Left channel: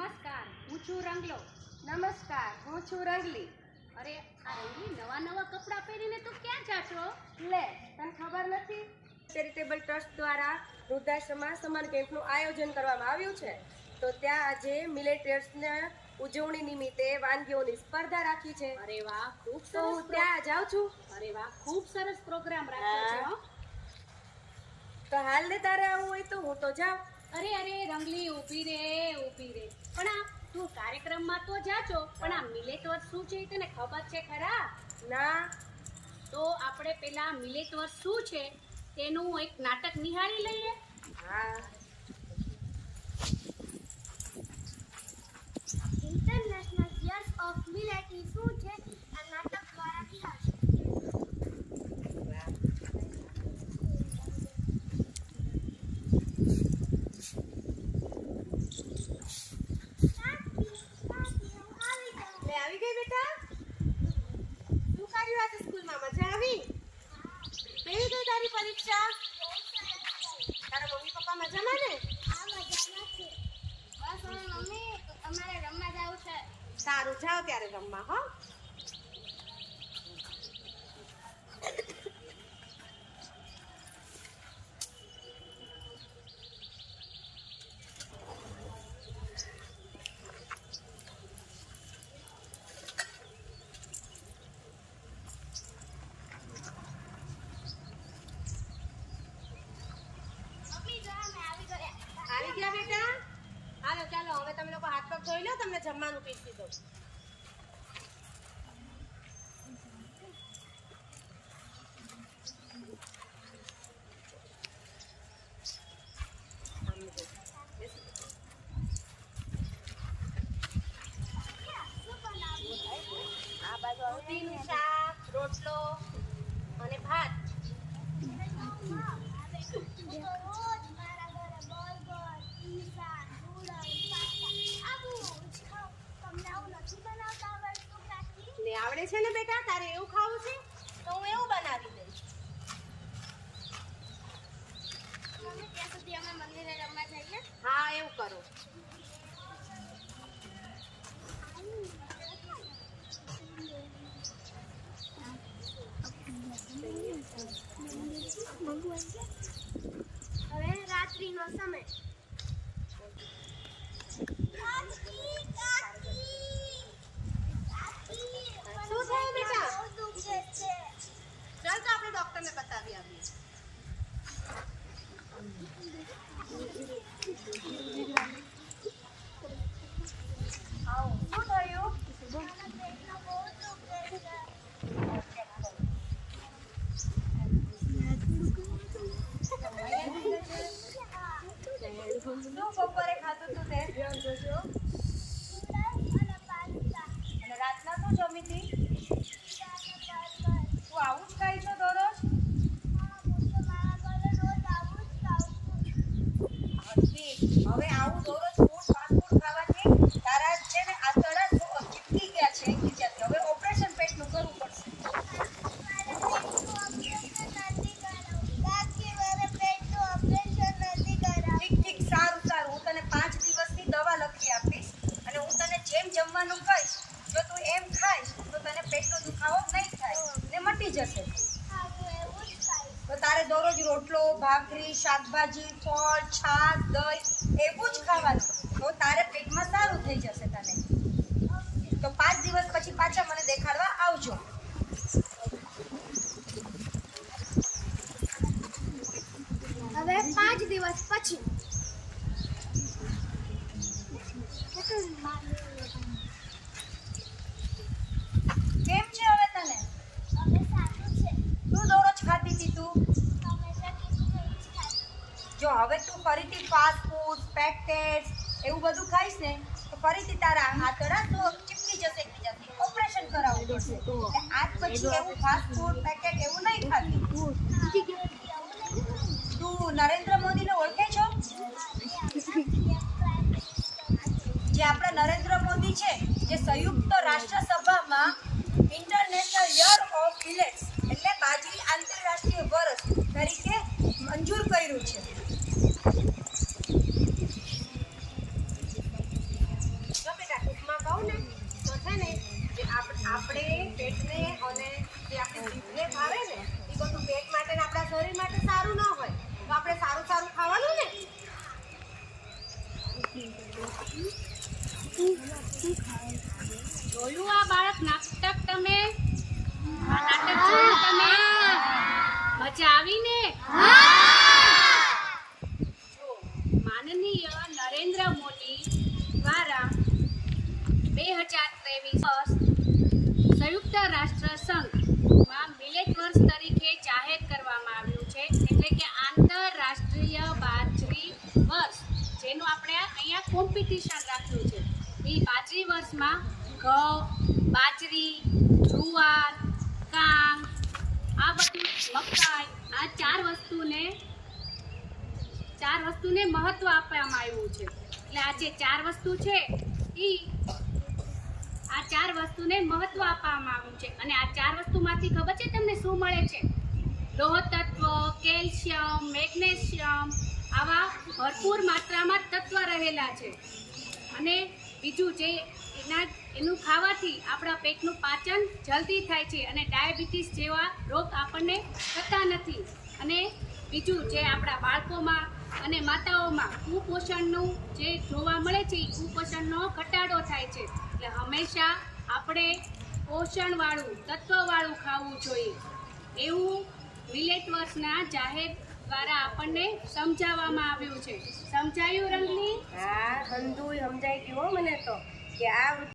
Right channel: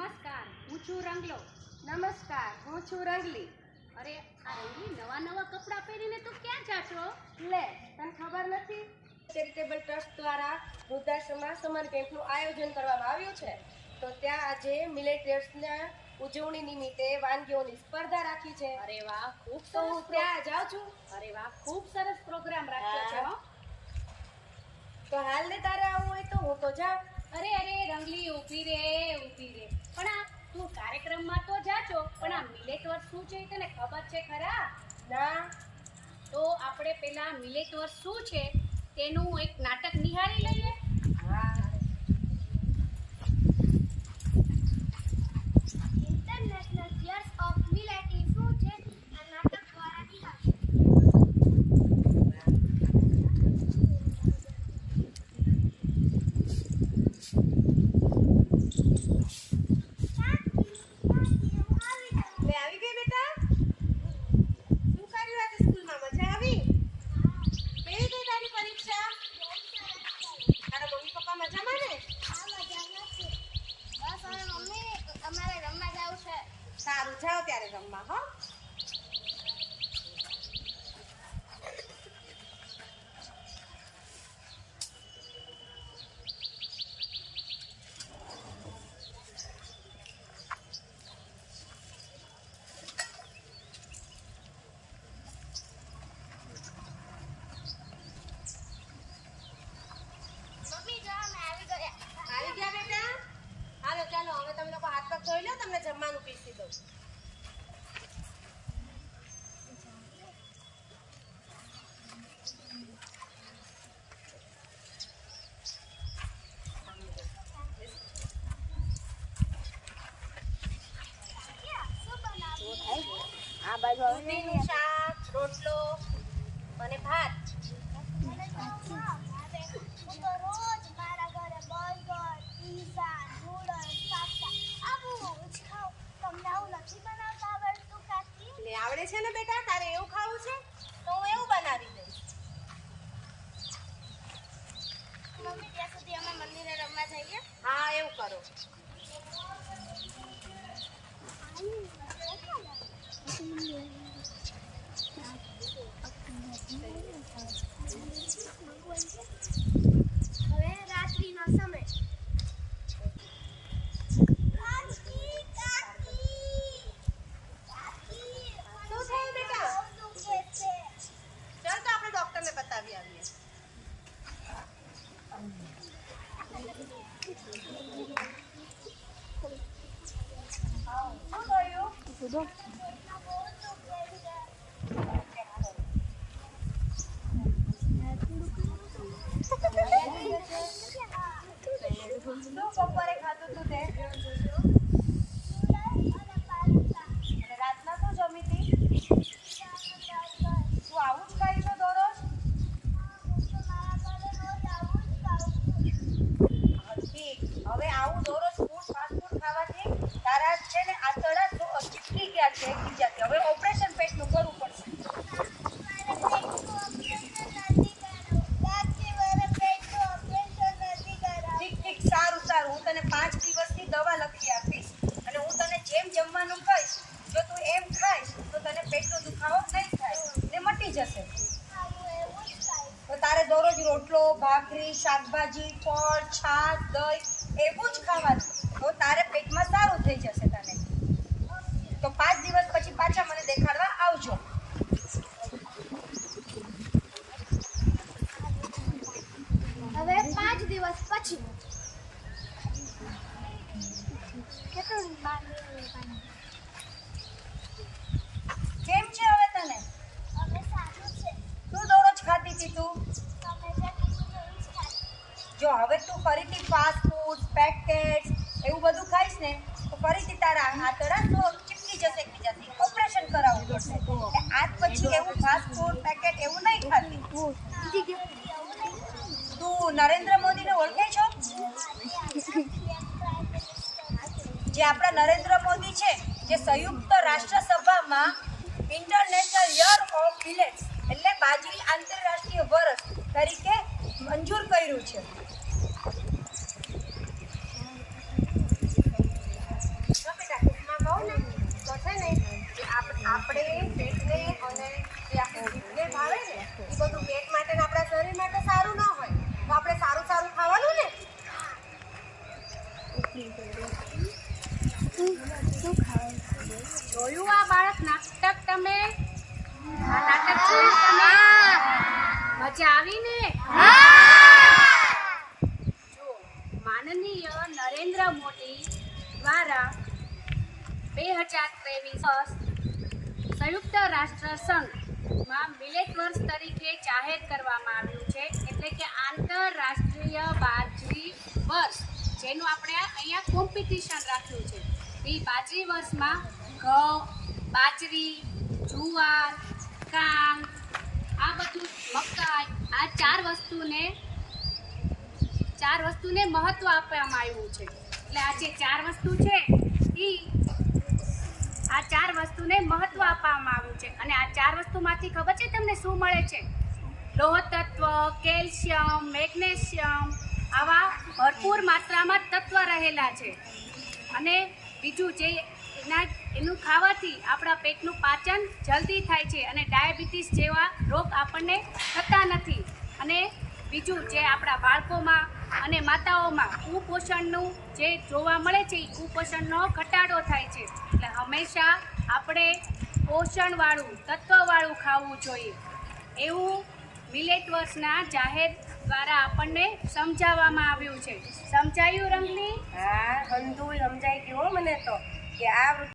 નમસ્કાર હું છું રંગલો. નમસ્કાર હું છું રંગલી. અરે આ રંગલી નવા નવા કપડાં પહેરીને તું ક્યાં જાશો લે તને ખબર નથી? ચેરિટેબલ ટ્રસ્ટ દ્વારા વૃદ્ધાશ્રમમાં સમર કેમ્પનું આયોજન કરવામાં આવ્યું છે. તો ત્યાં આજે મિલેટર્સના ઉજવણી નિમિત્તે વાનગીઓની સ્પર્ધા રાખી છે. અરે વાહ ખૂબ સરસ હું ત્યાં જાઉં છું. અરે વાહ ખૂબ સરસ પ્રોગ્રામ રાખ્યો છે હો. તો હાલ ને તારે આવું હોય તો હું તો જાઉં. અરે અરે રંગલી ઊભી રે ઊભી રે. પણ આ તું કાર્યક્રમમાં તો જાજો પણ આ મિલેટ વર્ષ શું છે તને ખબર છે ખરા? ના. તો આપણે પેલા મિલેટ વર્ષ શું છે તેનું એક નાટક નિહાળી લઈએ હા ઇન્ટરનેશનલ યર્સ ઓફ મિલેટ એ શું છે આ નાટક દ્વારા નિહાળશે લે આવી ગઈ બેટા શું કર્યું આજે સ્કૂલમાં મજા આવી કેવી ગઈ તારી પરીક્ષા તારા મમ્મી પપ્પા મજામાં ને આ મજા નથી બસ હવે મમ્મી અમારે રમવા જવું છે સારું જાઓ ત્યારે રમવા હો મમ્મી જો અમે આવી ગયા આવી ગયા બેટા હાલો ચાલો હવે તમે લોકો હાથ પગ ધોઈ લો તમને જમવાનું પીસી દઉં દૂધીનું શાક, રોટલો અને ભાત. હું તો રોજ મારા ઘરે બર્ગર, પીઝા નૂડલ્સ પાસ્તા આવું જ તમને આવું નથી બનાવતા આવડતું કાકી ને આવડે છે ને બેટા તારે એવું ખાવું છે? તો હું એવું બનાવી દઈશ. મમ્મી ત્યાં સુધી અમે મંદિરે રમવા જઈએ? હા એવું કરો હવે રાત્રિનો સમય શું થયું બેટા? બહુ દુખે છે ચાલ તો આપણે ડોક્ટરને બતાવી આવીએ આવો શું થયું પેટમાં બહુ દુખે છે શું બપોરે ખાધું તું તે અને પાસ્તા અને રાતના શું જમી હતી પીઝા અને બર્ગર તું આવું જ ખાઈ છો દરરોજ હા હું તો મારા ઘરે રોજ આવું જ ખાઉં છું હા, ઠીક હવે આવું દરરોજ ફૂડ ફાસ્ટ ફૂડ ખાવાથી તારા છે ને આંતરડા જો- ચીપકી ગયા છે એકબીજાથી હવે ઓપરેશન પેટનું કરવું પડશે મારે પેટનું ઓપરેશન નથી કરાવવું કાકી મારે પેટનું ઓપરેશન નથી કરાવવું ઠીક ઠીક સારું સારું હું તને પાંચ દિવસની દવા લખી આપીશ અને હું તને જમવાનું કહીશ જો તું એમ ખાઈશ, તો તને પેટનો દુખાવો નહીં થાય ને મટી જશે. તો તારે દરરોજ રોટલો, ભાખરી, શાકભાજી, ફળ, છાશ, દહીં એવું જ ખાવાનું. તો તારે પેટમાં સારું થઈ જશે તને. તો પાંચ દિવસ પછી પાછા મને દેખાડવા આવજો હવે પાંચ દિવસ પછી કેટલું કેમ છે હવે તને હવે સારું છે શું દરરોજ ખાતી હતી તું તમે જે કીધું તો એ જ ખાઈ જો હવે તું ફરીથી ફાસ્ટ ફૂડ પેકેટ્સ એવું બધું ખાઈશ ને, તો ફરીથી તારા આંતરડા તો ચીપકી જશે એકબીજાથી. ઓપરેશન કરાવવું પડશે. આજ પછી એવું ફાસ્ટ ફૂડ પેકેટ એવું નહીં ખાતી. તું નરેન્દ્ર મોદીને ઓળખે છો? જે આપણા નરેન્દ્ર મોદી છે, જે સંયુક્ત રાષ્ટ્રસભામાં ઇન્ટરનેશનલ યર ઓફ મિલેટ્સ એટલે બાજરી આંતરરાષ્ટ્રીય વર્ષ તરીકે મંજૂર કર્યું છે. આપણે પેટને અને જે આપણી જીભને ભાવે ને એ બધું પેટ માટે ને આપણા શરીર માટે સારું ના હોય, તો આપણે સારું સારું ખાવાનું ને? જોયું આ બાળક નાટક તમે? આ નાટક જોયું તમે? મજા આવી ને? જો, માનનીય નરેન્દ્ર મોદી દ્વારા બે હજાર ત્રેવીસ સંયુક્ત રાષ્ટ્ર સંઘમાં મિલેટ વર્ષ તરીકે જાહેર કરવામાં આવ્યું છે, એટલે કે આંતરરાષ્ટ્રીય બાજરી વર્ષ, જેનું આપણે અહીંયા કોમ્પિટિશન રાખ્યું છે. એ બાજરી વર્ષમાં ઘઉં, બાજરી, જુવાર, કાંગ, આ બધું મકાઈ, આ ચાર વસ્તુને ચાર વસ્તુને મહત્ત્વ આપવામાં આવ્યું છે. એટલે આ જે ચાર વસ્તુ છે એ આ ચાર વસ્તુને મહત્વ આપવામાં આવ્યું છે. અને આ ચાર વસ્તુમાંથી ખબર છે તમને શું મળે છે? લોહ તત્વ, કેલ્શિયમ, મેગ્નેશિયમ આવા ભરપૂર માત્રામાં તત્વ રહેલા છે. અને બીજું જે એના એનું ખાવાથી આપણા પેટનું પાચન જલ્દી થાય છે અને ડાયાબિટીસ જેવા રોગ આપણને થતા નથી. અને બીજું જે આપણા બાળકોમાં અને માતાઓમાં કુપોષણનું જે જોવા મળે છે, એ કુપોષણનો ઘટાડો થાય છે. એટલે હંમેશા આપણે પોષણવાળું, તત્વવાળું ખાવું જોઈએ. એવું મિલેટ વર્ષના જાહેર દ્વારા આપણને સમજાવવામાં આવ્યું છે. સમજાયું, રંગલી? હા, હંધુય સમજાઈ ગયું મને તો, કે આ